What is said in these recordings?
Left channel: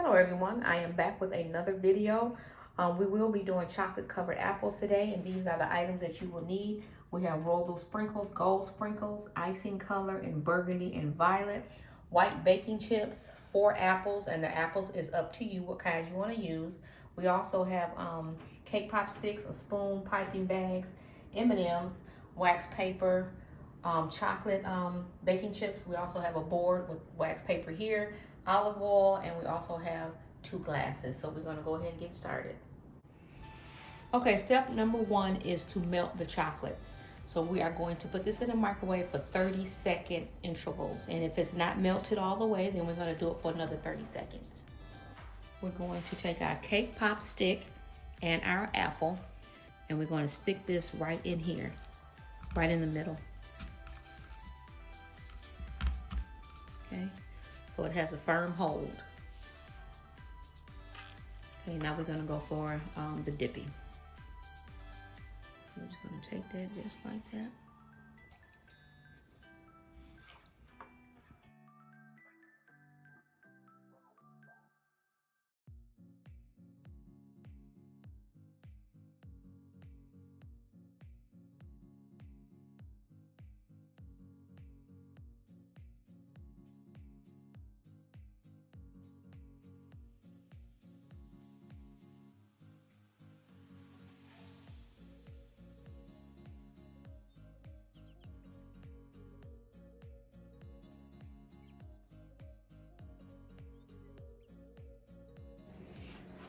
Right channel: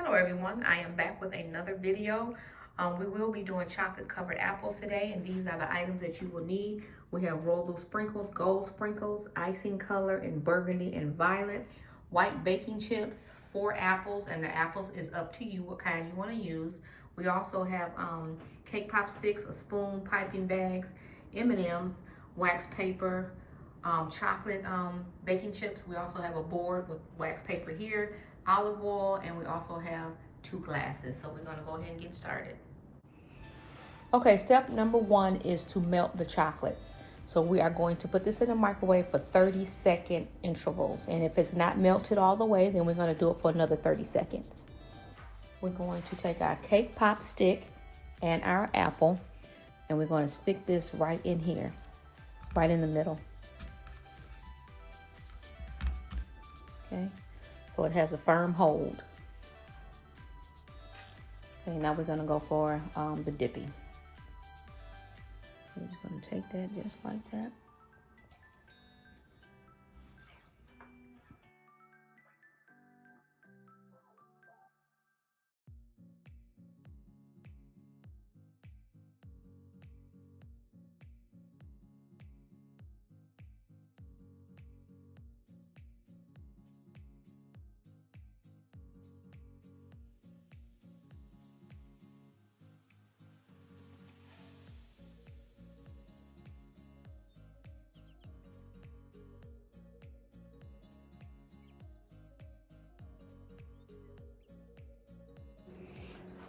Hello everyone, I am back with another video. We will be doing chocolate covered apples today, and these are the items that you will need. We have rolled sprinkles, gold sprinkles, icing color in burgundy and violet, white baking chips, 4 apples, and the apples is up to you what kind you want to use. We also have cake pop sticks, a spoon, piping bags, M&Ms, wax paper, chocolate baking chips. We also have a board with wax paper here, olive oil, and we also have 2 glasses. So we're gonna go ahead and get started. Okay, step number 1 is to melt the chocolates. So we are going to put this in the microwave for 30-second intervals. And if it's not melted all the way, then we're gonna do it for another 30 seconds. We're going to take our cake pop stick and our apple, and we're going to stick this right in here, right in the middle. Okay, so it has a firm hold. Okay, now we're going to go for the dipping. I'm just going to take that just like that.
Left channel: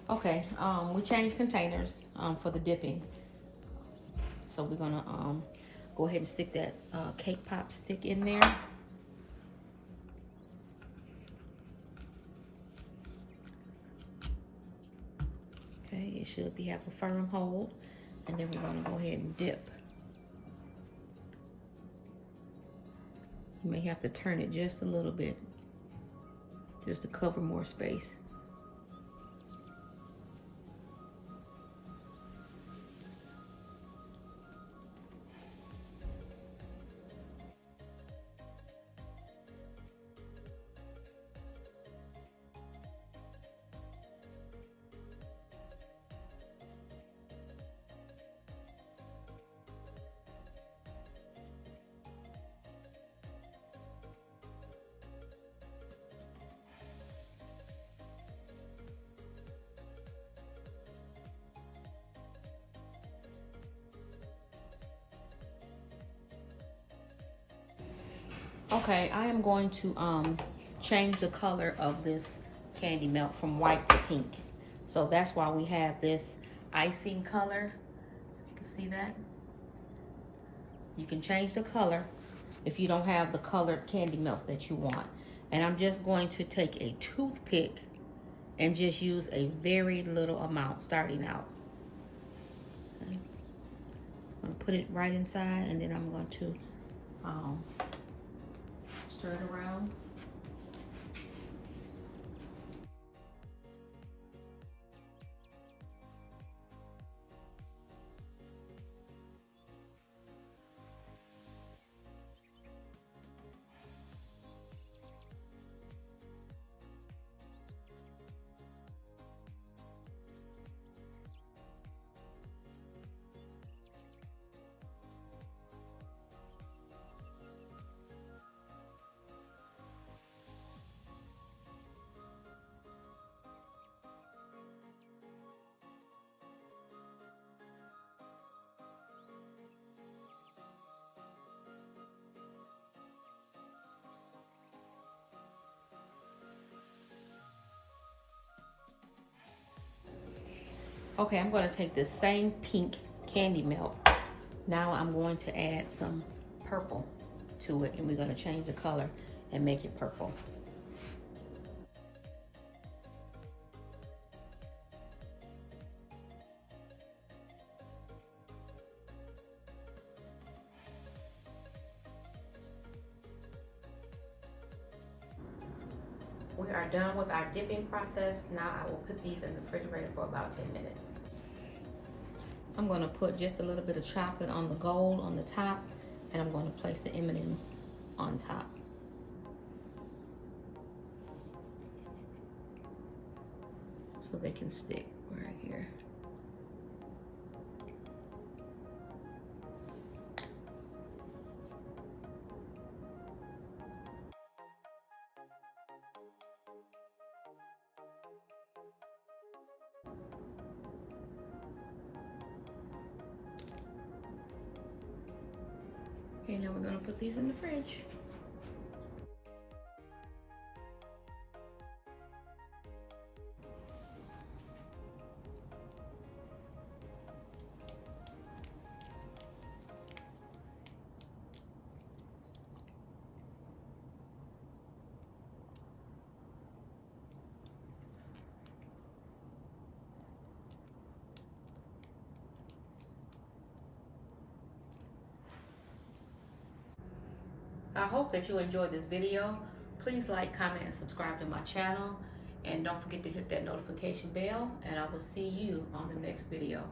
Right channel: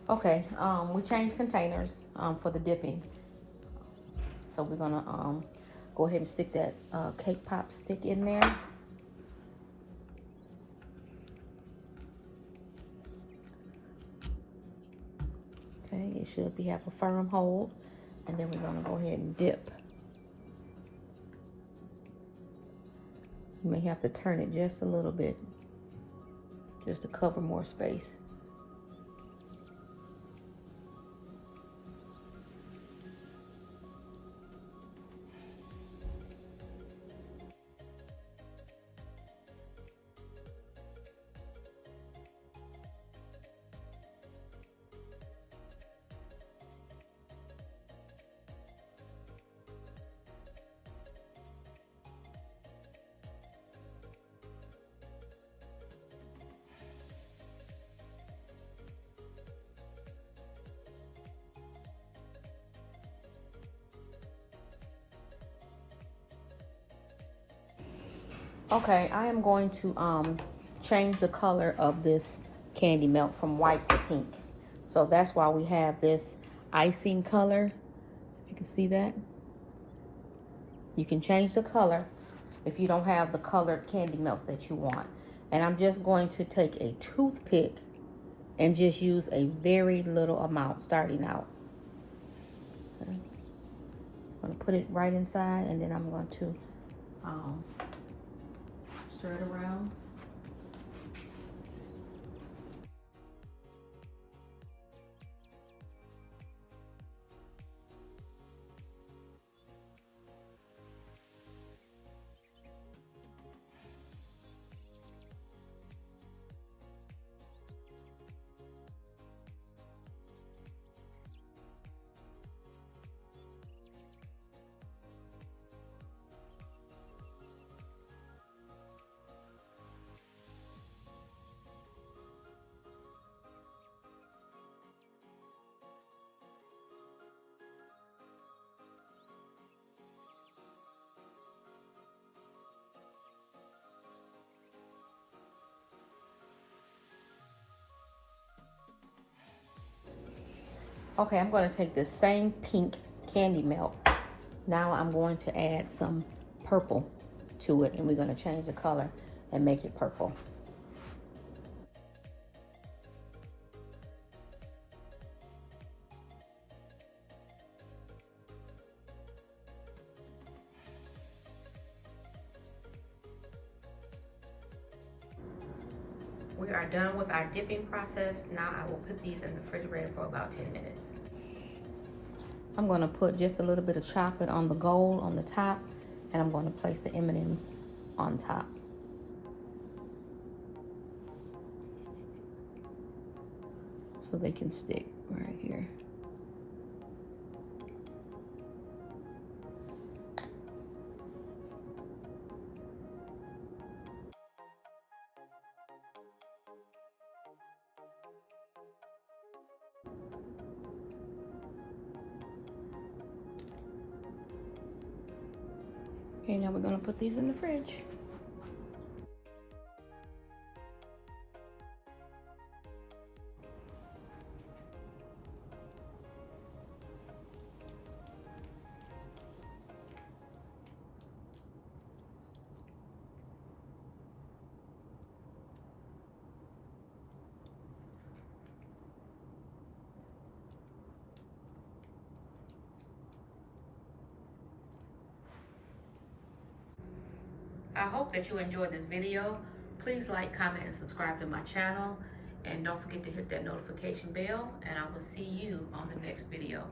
Okay, we changed containers for the dipping. So we're gonna go ahead and stick that cake pop stick in there. Okay, it should have a firm hold, and then we're gonna go ahead and dip. You may have to turn it just a little bit, just to cover more space. Okay, I am going to change the color of this candy melt from white to pink. So that's why we have this icing color. You can see that? You can change the color if you don't have the colored candy melts that you want. And I'm just going to take a toothpick and just use a very little amount starting out. Okay. I'm going to put it right inside, and then I'm going to stir it around. Okay, I'm going to take the same pink candy melt. Now I'm going to add some purple to it, and we're going to change the color and make it purple. We are done with our dipping process. Now I will put these in the refrigerator for about 10 minutes. I'm going to put just a little bit of chocolate on the gold on the top, and I'm going to place the M&Ms on top. so they can stick right here. Okay, now we're gonna put these in the fridge. I hope that you enjoyed this video. Please like, comment, and subscribe to my channel. And don't forget to hit that notification bell, and I will see you on the next video.